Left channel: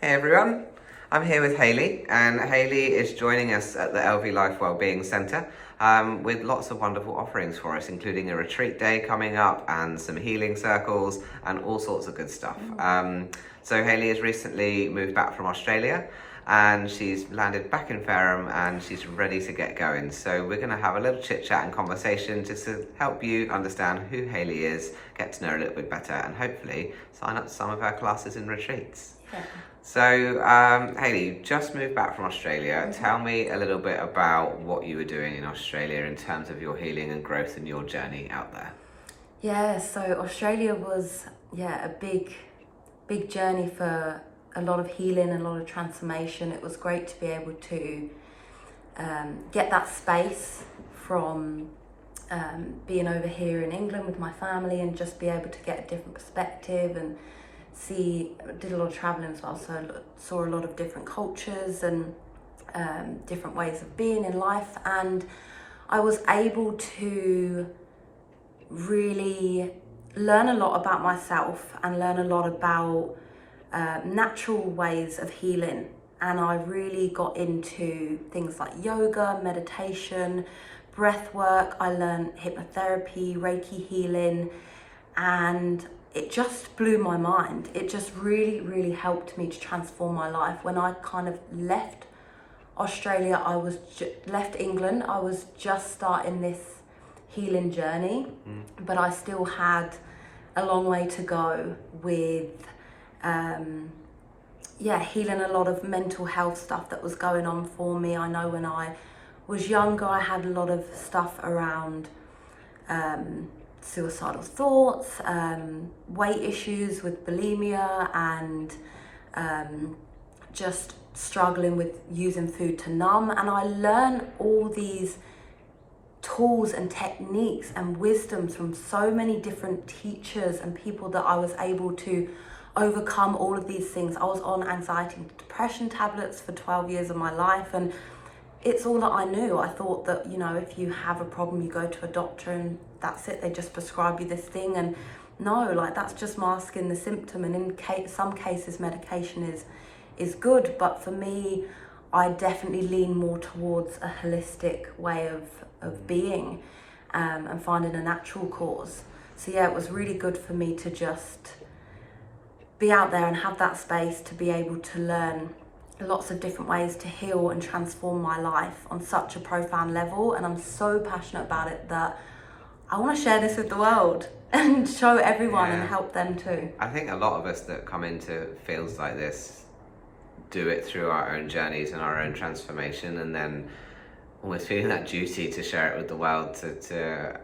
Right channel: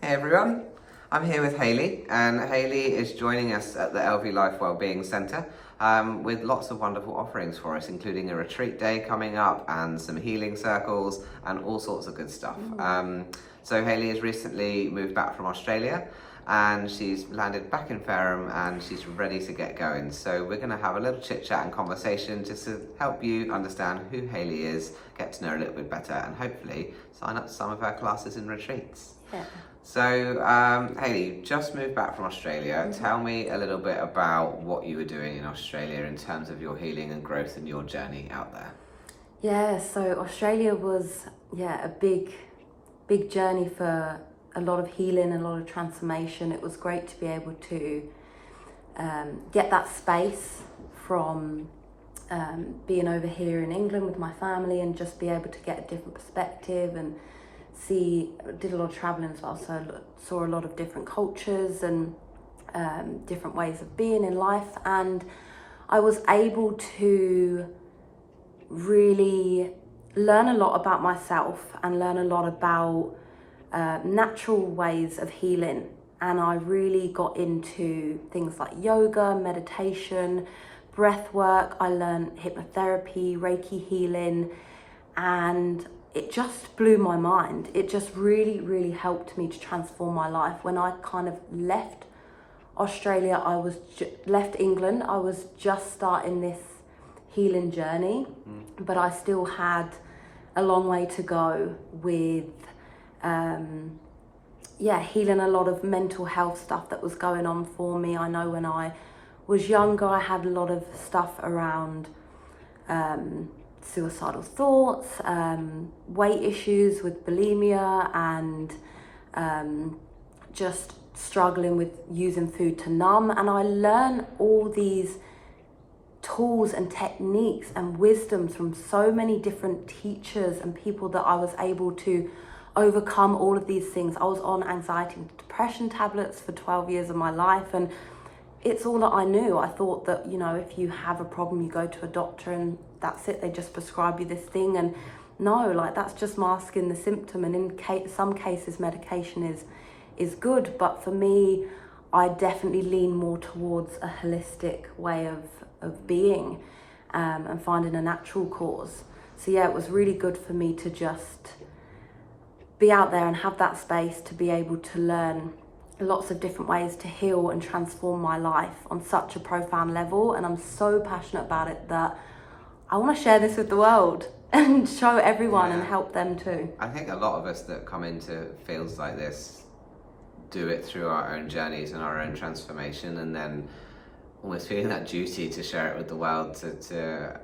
Hey everyone, I'm here with Hayley, and Hayley is joining us at the LV Life Wellbeing Centre with lots of wonderful offerings for us, including a retreat day coming up and some healing circles and all sorts of good stuff. So Hayley has recently moved back from Australia and she's landed back in Fareham and she's ready to get going. So we're going to have a little chit chat and conversation just to help you understand who Hayley is, get to know her a little bit better, and hopefully sign up to some of her classes and retreats. Yeah. So, Hayley, you just moved back from Australia. Tell me a little bit about what you were doing in Australia in terms of your healing and growth and your journey out there. Yeah, so Australia was a big journey for a lot of healing and a lot of transformation. It was great to be able to get that space from being over here in England with my family and just be able to get a different perspective and did a lot of traveling as well, so saw a lot of different cultures and different ways of being in life, and I was able to really learn a lot about myself and learn a lot about natural ways of healing. And I really got into things like yoga, meditation, breath work. I learned hypnotherapy, Reiki healing, and it just blew my mind. It just really helped me to transform my life. When I kind of left Australia, left England, I was just starting this healing journey, but I still had a long way to go with healing a lot of mental health stuff that was going on for me. I know when I was younger, I had a lot of stuff around suicidal thoughts, weight issues with bulimia, and just struggling with using food to numb. And I learned all these tools and techniques and wisdoms from so many different teachers and people that I was able to overcome all of these things. I was on anxiety and depression tablets for 12 years of my life, and it's all that I knew. I thought that, if you have a problem, you go to a doctor and that's it. They just prescribe you this thing. And no, that's just masking the symptom. And in some cases, medication is good. But for me, I definitely lean more towards a holistic way of being and finding a natural cause. So yeah, it was really good for me to just be out there and have that space to be able to learn lots of different ways to heal and transform my life on such a profound level. And I'm so passionate about it that I want to share this with the world and show everyone and help them too. I think a lot of us that come into fields like this do it through our own journeys and our own transformation, and then almost feeling that duty to share it with the world to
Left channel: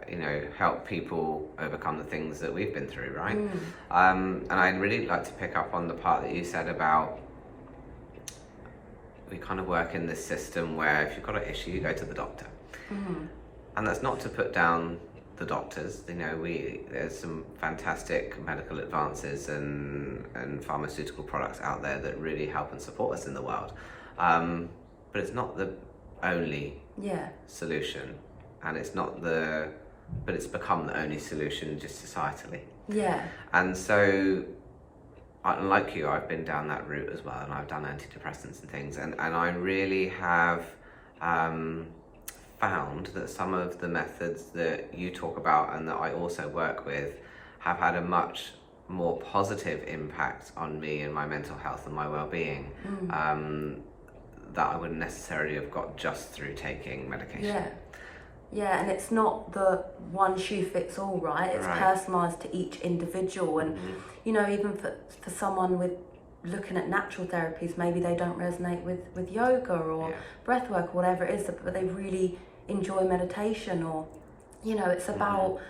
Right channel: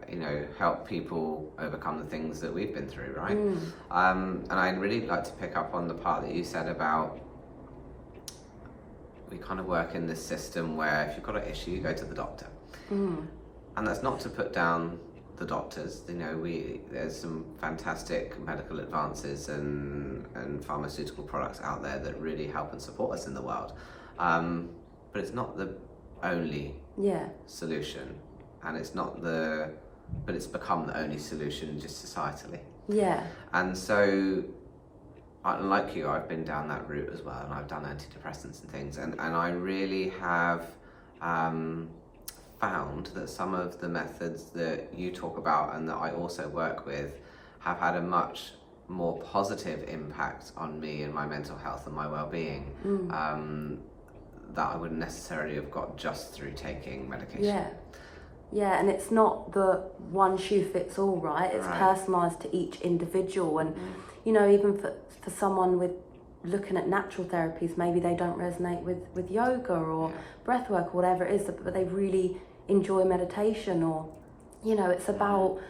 help people overcome the things that we've been through, right? And I'd really like to pick up on the part that you said about we kind of work in this system where if you've got an issue, you go to the doctor. And that's not to put down the doctors. There's some fantastic medical advances and pharmaceutical products out there that really help and support us in the world. But it's not the only solution, and but it's become the only solution just societally. And so like you, I've been down that route as well, and I've done antidepressants and things, and I really have found that some of the methods that you talk about and that I also work with have had a much more positive impact on me and my mental health and my well-being that I wouldn't necessarily have got just through taking medication. Yeah, and it's not the one shoe fits all, right? It's personalised to each individual. And, even for someone with looking at natural therapies, maybe they don't resonate with yoga or breath work or whatever it is, but they really enjoy meditation, or, it's about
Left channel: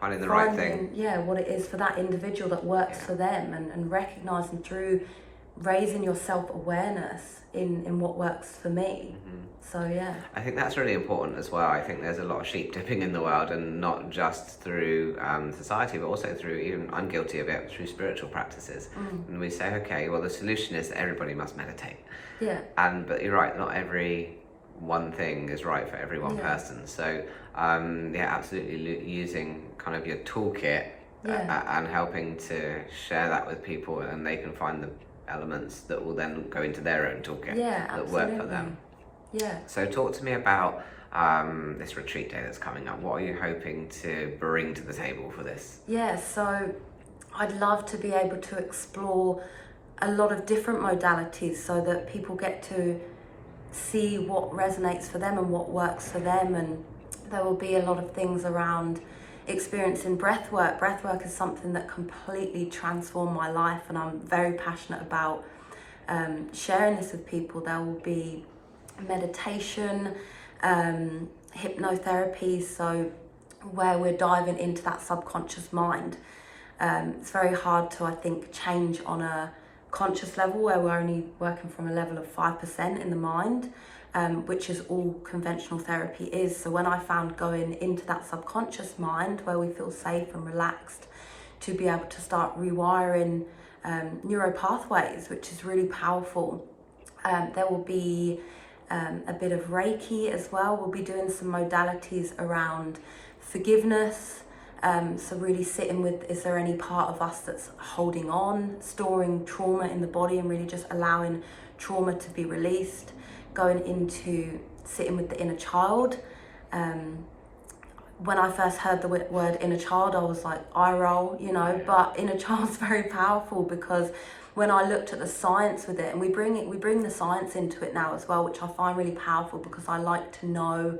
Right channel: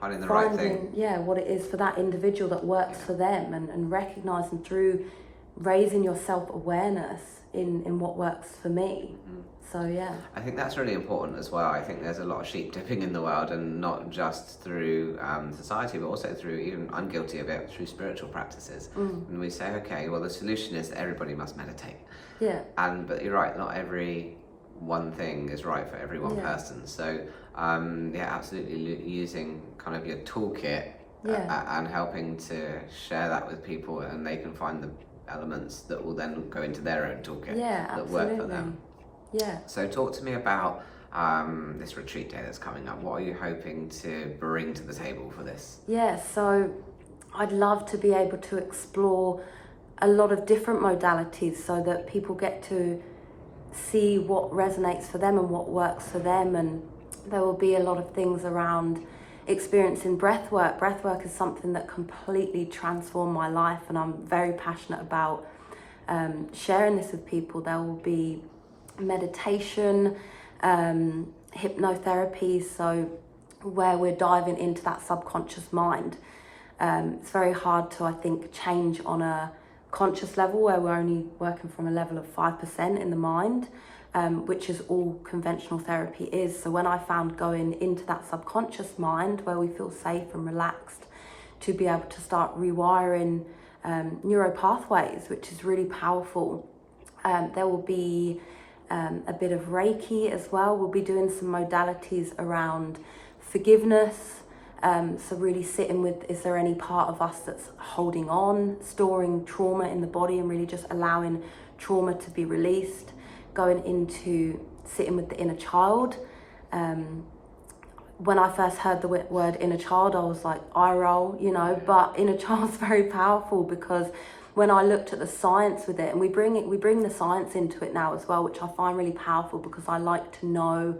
finding the right thing. What it is for that individual that works for them, and recognising through raising your self-awareness in what works for me. So I think that's really important as well. I think there's a lot of sheep dipping in the world, and not just through society, but also through, even I'm guilty of it, through spiritual practices. And we say, okay, well, the solution is that everybody must meditate. But you're right, not every one thing is right for every one person. So absolutely using kind of your toolkit and helping to share that with people, and they can find the elements that will then go into their own toolkit that absolutely. work for them. Yeah. So talk to me about this retreat day that's coming up. What are you hoping to bring to the table for this? Yeah, so I'd love to be able to explore a lot of different modalities so that people get to see what resonates for them and what works for them. And there will be a lot of things around experiencing breath work. Breath work is something that completely transformed my life, and I'm very passionate about sharing this with people. There will be meditation, hypnotherapy, so where we're diving into that subconscious mind. It's very hard to, I think, change on a conscious level where we're only working from a level of 5% in the mind, which is all conventional therapy is. So when I found going into that subconscious mind where we feel safe and relaxed to be able to start rewiring neuro pathways, which is really powerful. There will be a bit of Reiki as well. We'll be doing some modalities around forgiveness. So really sitting with, is there any part of us that's holding on, storing trauma in the body, and really just allowing trauma to be released. Going into sitting with the inner child. When I first heard the word inner child, I was like, eye roll, but inner child's very powerful, because when I looked at the science with it, and we bring the science into it now as well, which I find really powerful, because I like to know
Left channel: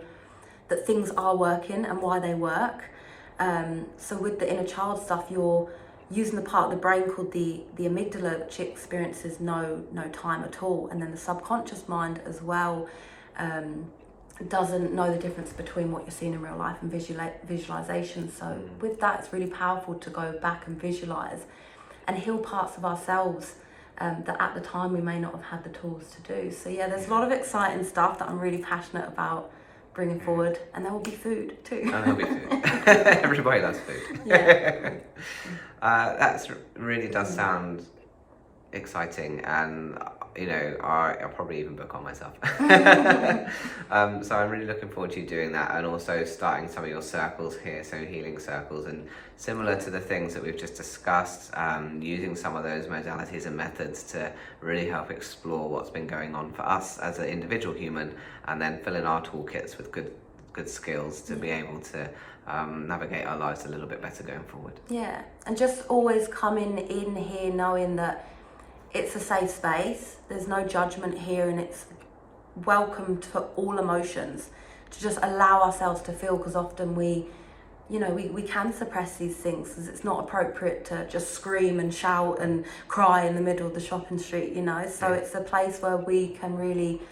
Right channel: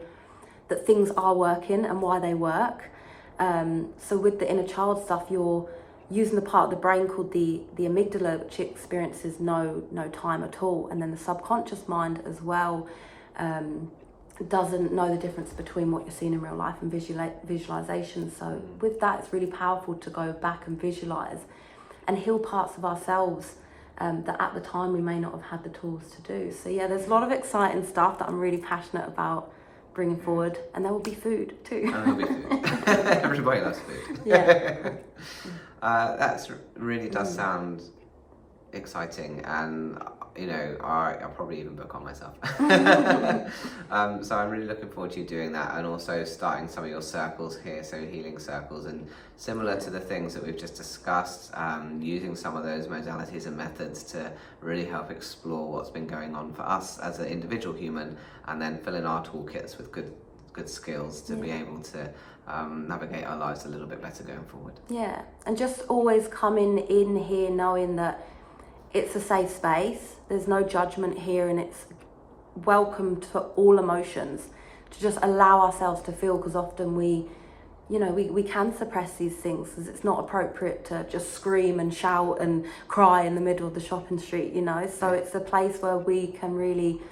that things are working and why they work. So with the inner child stuff, you're using the part of the brain called the amygdala, which experiences no time at all. And then the subconscious mind as well doesn't know the difference between what you're seeing in real life and visualization. So with that, it's really powerful to go back and visualize and heal parts of ourselves that at the time we may not have had the tools to do. So yeah, there's a lot of exciting stuff that I'm really passionate about bringing forward, and there will be food too. And there'll be food. Everybody loves food. Yeah. That really does sound exciting, and I'll probably even book on myself. So I'm really looking forward to you doing that, and also starting some of your circles here, so healing circles, and similar to the things that we've just discussed, using some of those modalities and methods to really help explore what's been going on for us as an individual human, and then fill in our toolkits with good skills to be able to navigate our lives a little bit better going forward. Yeah, and just always coming in here knowing that it's a safe space, there's no judgment here, and it's welcome to all emotions, to just allow ourselves to feel, because often we can suppress these things, because it's not appropriate to just scream and shout and cry in the middle of the shopping street, so it's a place where we can really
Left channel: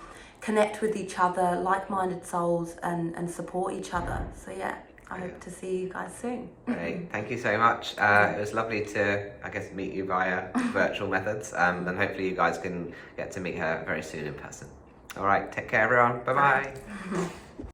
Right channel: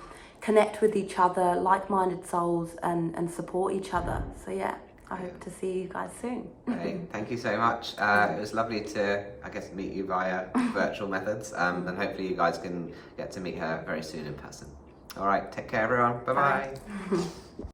connect with each other, like-minded souls, and support each other. So yeah, I hope to see you guys soon. Hey, thank you so much. It was lovely to, meet you via virtual methods, and hopefully you guys can get to meet her very soon in person. All right, take care everyone. Bye-bye.